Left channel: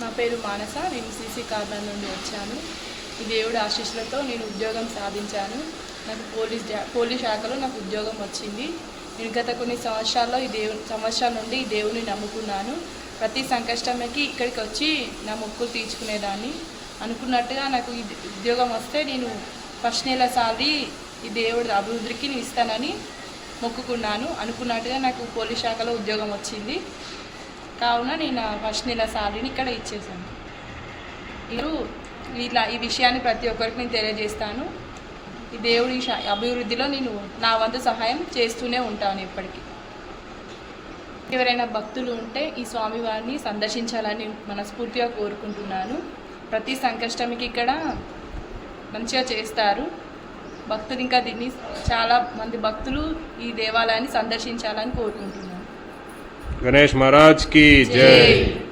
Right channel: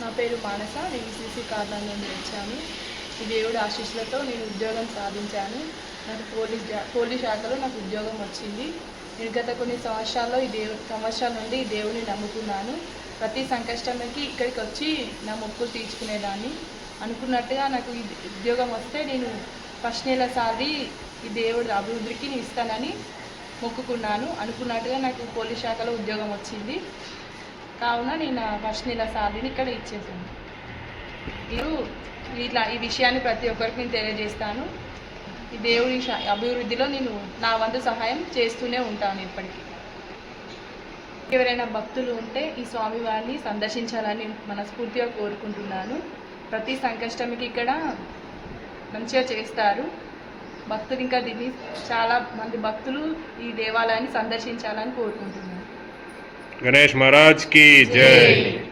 నా పేరు మానస నేను సీసీ కార్నర్ నుండి వచ్చాను. ఈ దేవుడి ఆశీస్సులతో నేను ఉద్యోగం సాధించాను. నాకు పోలీస్ పోలీస్ శాఖలో నాకు ఉద్యోగం వచ్చింది. నేను గత కొన్ని సంవత్సరాల్లో ఈ దేవు సంవత్సరాల నుండి ఈ దేవుని నమ్ముకున్నాను. ప్రతి సంకష్టమకి ఇక్కడికి వచ్చి నా మొక్కులు తీర్చుకునేదాన్ని. అనుకున్నట్టుగా నాకు ఈ ఉద్యోగం వస్తే నేను ఫస్ట్ నెల సాలరీ ఈ దేవుడి అభివృద్ధికి నేను ఇస్తానని మొక్కుకున్నాను. అనుకున్నట్టుగా నాకు పోలీస్ శాఖలో ఉద్యోగం వచ్చింది. కావున నేను ఫస్ట్ నెల శాలరీని ఇక్కడ ఇచ్చేసాను మీరు ఇట్లా ఈ విషయాన్ని ప్రతి ఒక్కరికి నేను తెలియజేస్తాను. ఈ దేవుడి అభివృద్ధిలో నేను నా వంతు సహాయం చేస్తూనే ఉంటాను ఇప్పటికీ. ఎవరైనా భక్తులు ఉంటే ఈ స్వామివారిని సందర్శించాలని మనస్ఫూర్తిగా కోరుకుంటున్నాను. ప్రతి సంకష్టమికి ఇక్కడ మంచిగా చేస్తారు. భక్తులు ఇంకా దీన్ని చాలా మంది భక్తులు ఈ దేవాలయాన్ని సందర్శించాలని కోరుకుంటున్నాను. गणेश महाराज की जय।